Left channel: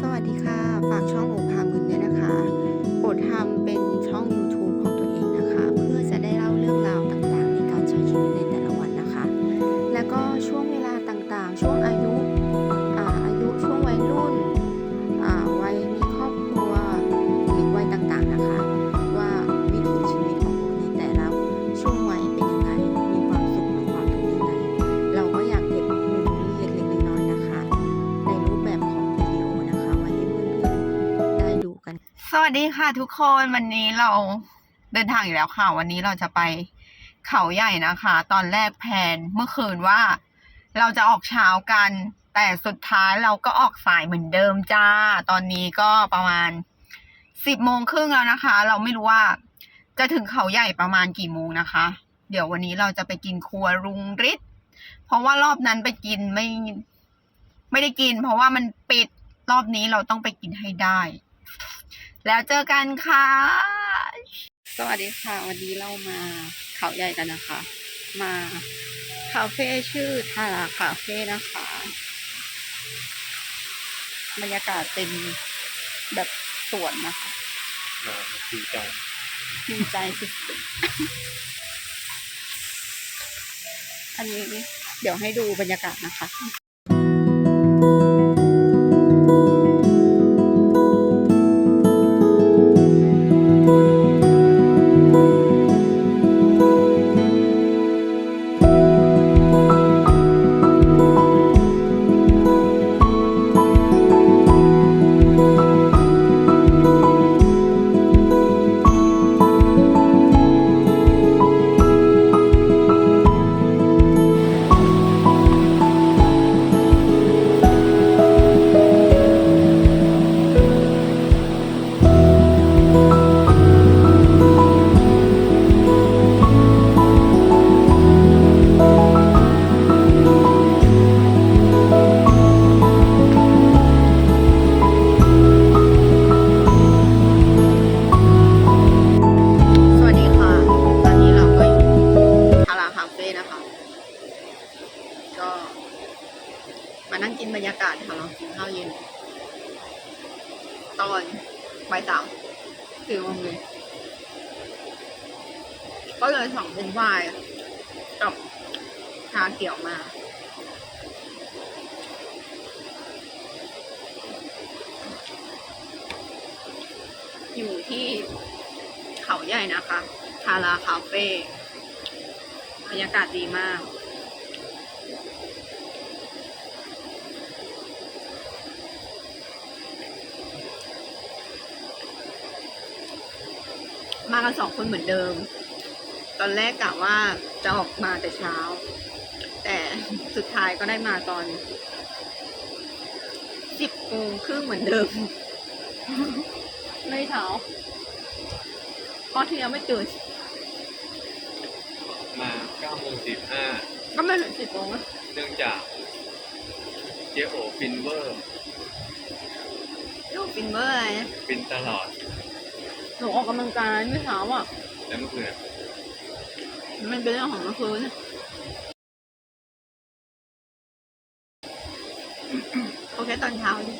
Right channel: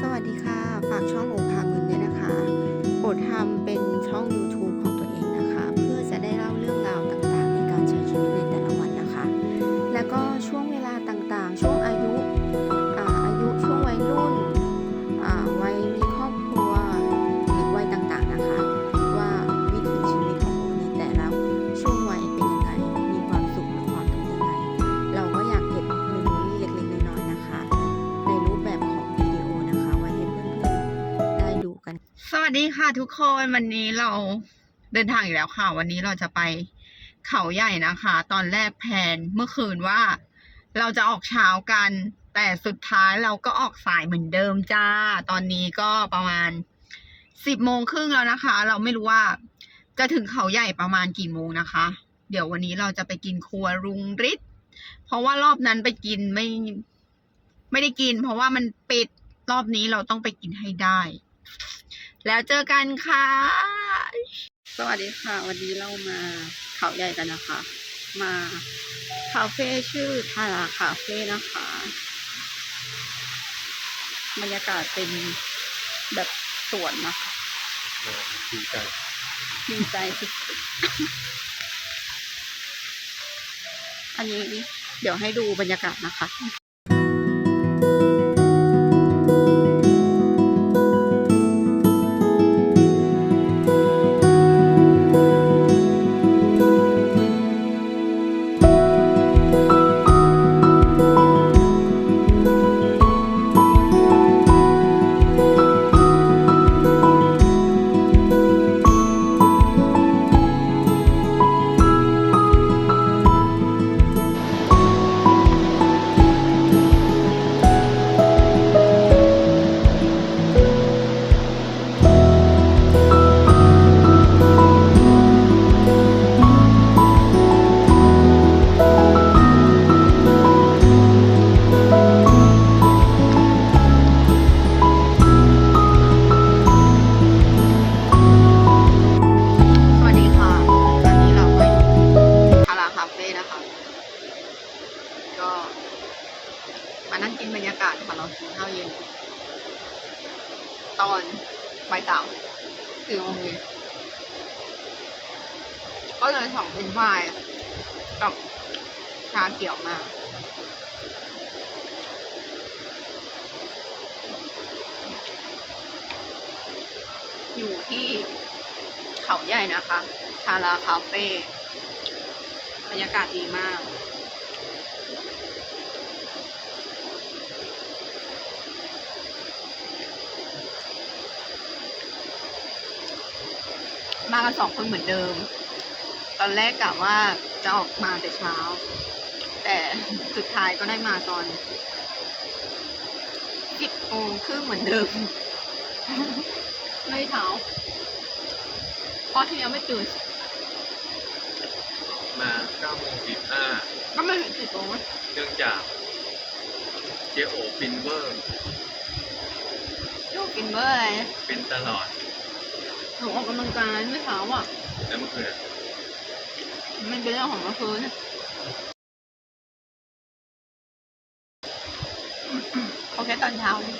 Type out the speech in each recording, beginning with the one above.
สวัสดีค่ะ ฝากช่องโอภามึนด้วยนะคะโอดทำเป็นช่อง YouTube ของตัวเองนะคะ เพื่อจะได้เล่าเรื่องราวต่างๆ ในการใช้ชีวิตในแต่ละวันนะคะ แล้วก็ช่วงเวลาต่างๆ ช่วงอายุ สวัสดีค่ะทุกคนวันนี้เราเดินทางอีกแล้วค่ะ วันนี้เราจะไปเขาใหญ่นะคะ ตอนแรกแพนเมื่อคืนว่าเราจะออกเช้ากัน แต่สุดท้ายเราก็ออกสายเหมือนเดิมจ้า ตอนนี้ก็ประมาณสิบโมงครึ่งแล้วนะคะ เราไม่รู้ว่าจะถึงเขาใหญ่ประมาณกี่โมงนะคะ เดี๋ยววันนี้เราจะไปกินครัวรุงฤทธิ์เพราะว่ารอบนั้นไปกินไม่ไม่ได้กิน เพราะว่ามันปิดรอบนี้เราต้องไปกินให้ได้ แล้วเจอกันค่ะ สวัสดีค่ะ วันนี้เรามาเขาใหญ่กันนะคะ มาคาเฟ่ชื่อทาราคาเฟ่นะคะ บรรยากาศเป็นแบบสวนนะคะมาดีใจดีใจสุดๆอันนี้เดี๋ยวให้ดูบรรยากาศนะคะ ก็เลยสั่งเป็นไวน์กับชาเขียวมา อยู่ที่เขาใหญ่นะคะทาราคาเฟ่บรรยากาศดีมากมากันสองคนเหมือนเดิม ตอนแรกกะว่าจะออกมาแต่เช้า แต่สุดท้ายก็ได้มาตอนสิบโมงครึ่งเหมือนเดิม ไม่เช้าเพราะที่ยังไม่ตื่นมา9โมง45ก็ไม่ถึงสิบโมงอะเนื่องจากเจโอฟินเวอร์อยู่กินเมื่อไหร่ฟินตลอดหนูออกกำลังกายเมื่อเช้าอะ แล้วเมื่อคืนอะ มันเป็นเรื่องของเมื่อคืนเขาแค่ตอนเช้าดิ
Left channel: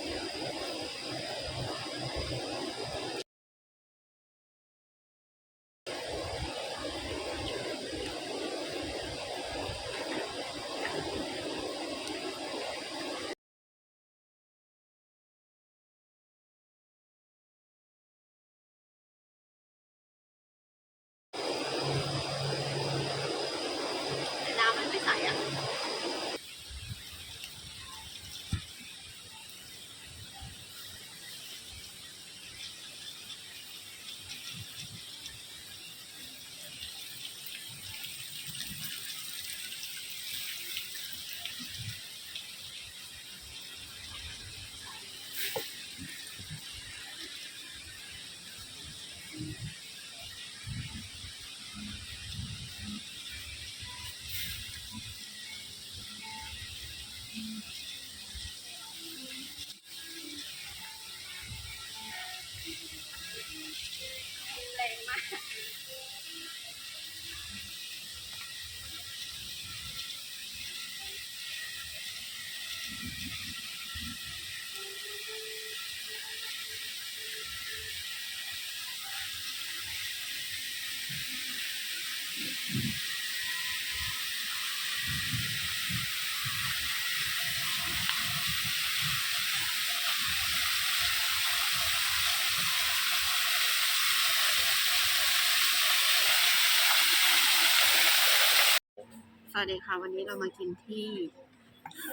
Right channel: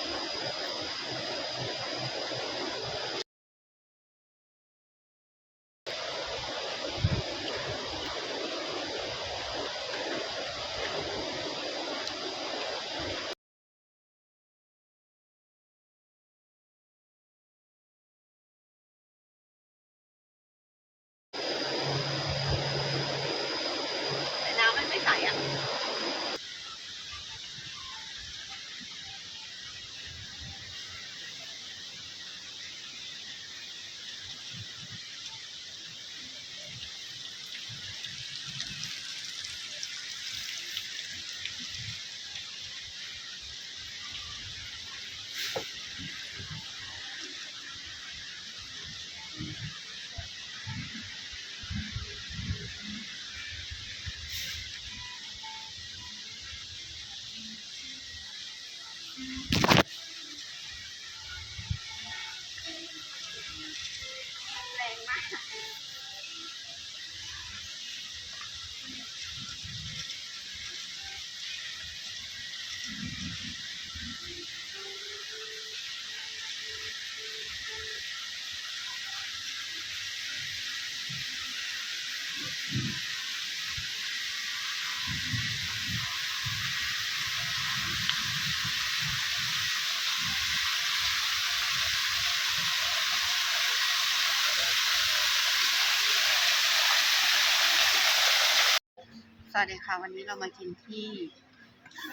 สวัสดีค่ะ วันนี้เรามากินที่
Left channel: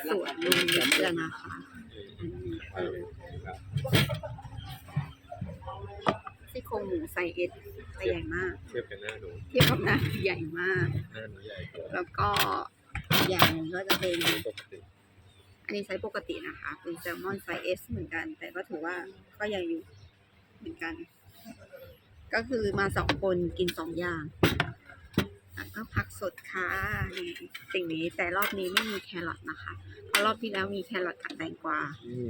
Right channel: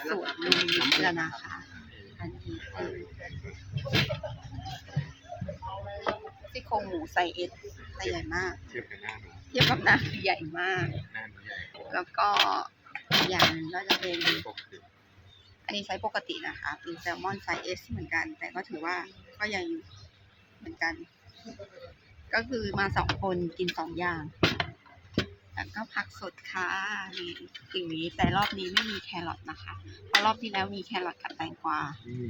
สวนลุงวิทย์แล้วนะคะ อันนี้คือซี่โครงหมูไซส์เอสไซส์ใหญ่มาก เทียบกับหน้าหนูเทียบกับหน้าคือใหญ่มาก หน้าหนูใหญ่กว่าแล้วก็อีกอย่างหนึ่งก็จะเป็น ปกติอันนี้ไซส์ปกตินะคะ เป็นแซลมอนไซส์เอสเหมือนกัน แต่ก็ถือว่าก็ยังอยู่เหมือนกัน ก็คือมาสองคนกินสองอย่าง แล้วก็ผักสดค่ะนี่สิ่งนี้แต่รอบนี้ไม่มีแครอทนะคะเพราะรอบที่แล้วมีแครอทกับแตงกวานี่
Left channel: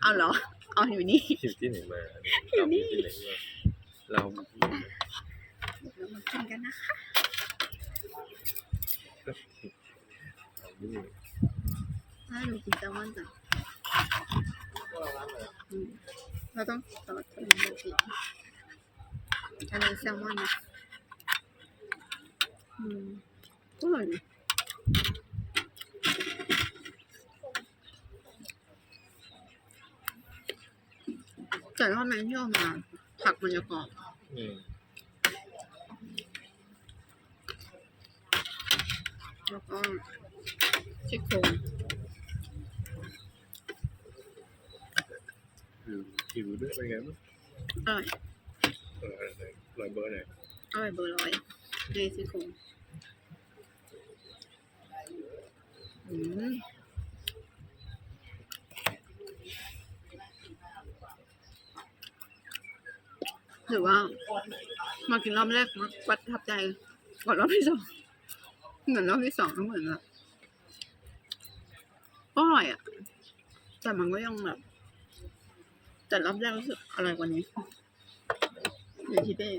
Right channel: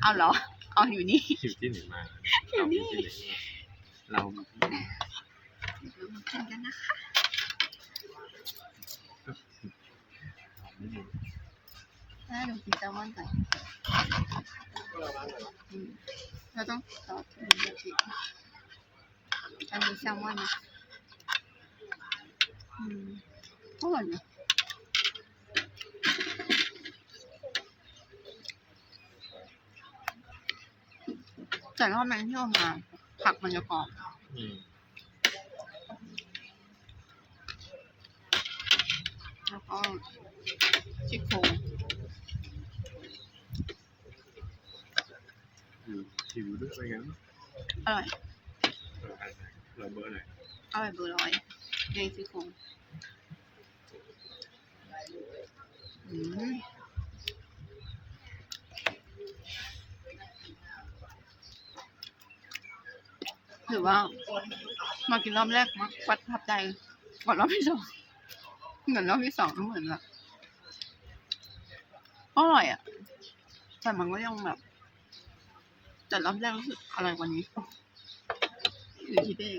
เอาเหรอ เอาอยู่นี่อยู่ที่ไหนมาอยู่นี่เรามาที่ไหนมาเดี๋ยวเรามากินกันนะคะเรานี่ถ้าดูกินแซลมอนก่อนอืมเราต้องซอสตัวนี้แบบนี้อันนี้แซลมอนนะอืม อร่อยนะแต่รอบนั้นที่เอามา ผักมันจะกรอบอืมแล้วก็ชิโครงคือผิวด้วยเป็นไงบ้างอร่อยเอออะไรรอยเบอร์ไหนอร่อยเบอร์ร้อย ในซี่โครงอืมหรือว่า มากินรอบแรกมักประทับใจก่อนรอบที่สองเหมือนรอบที่สองก็เหมือนแบบก็อร่อยอะ แต่มันก็ยังแบบแต่รอบแรกรู้สึกอร่อยกว่านี้อยู่ที่เป้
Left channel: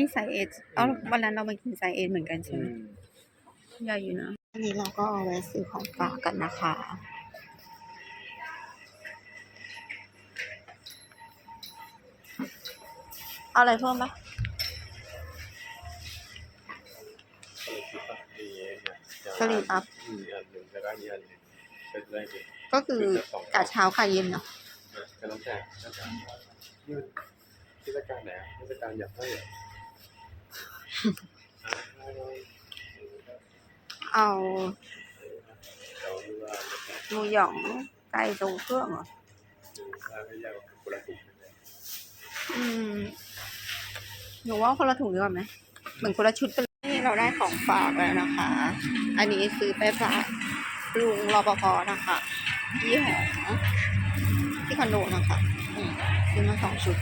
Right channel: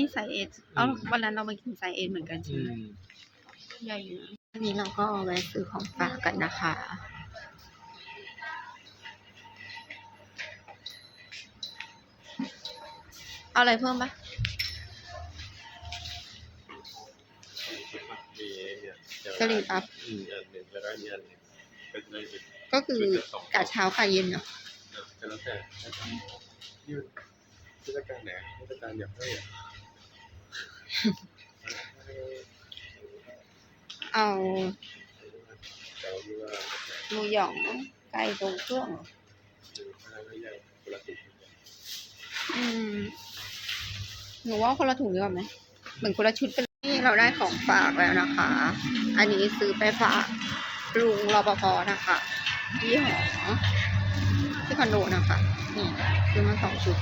นี่ไซส์เอสเอ้าวันนั้นเรามากินไซส์เอสเหมือนกันใช่อืไหมมใหญ่อยู่นะ อันนี้เราก็แวะซื้อของฝากกันนะคะ เอาอะไรเพิ่มปะอะไรคิดป่ะมีเนี่ยเดี๋ยวกะหรี่ปั๊บมีอันหนึ่งแล้วก็มีอันหนึ่งเป็นอะไรอีกก็คือกะเช้าค่ะเย็นเนาะเออก็แล้วแต่แล้วแต่นี่มันเทศกาลไหนเทศกาลอยากให้อะอะให้ เอาเดี๋ยวดูว่าหมูหยองไก่ทรงเครื่องเหรอดูถ้าไม่าคนละถุงเลยอืม หนูว่าคนละถุงดีกว่าไหมเหมือนคนละชุดไปเลยนี่เราได้ของฝากแล้วนะคะ อันนี้ซื้อไปฝากลุงรปภนะคะที่หอที่คอนโดนะคะนี่ซื้อมาสองชุด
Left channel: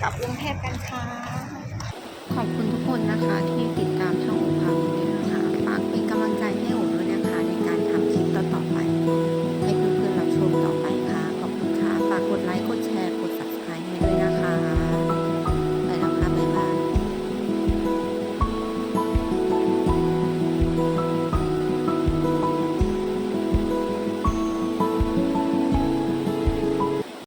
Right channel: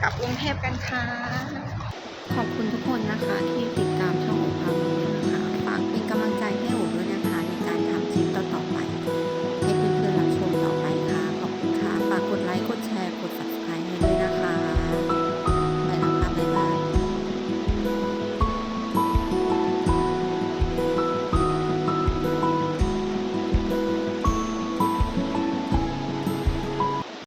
กลับกรุงเทพกันค่ะ ขอบคุณทุกคนนะคะที่ติดตามช่องโอภาคุณนะคะ ฝากเป็นกำลังใจให้โอ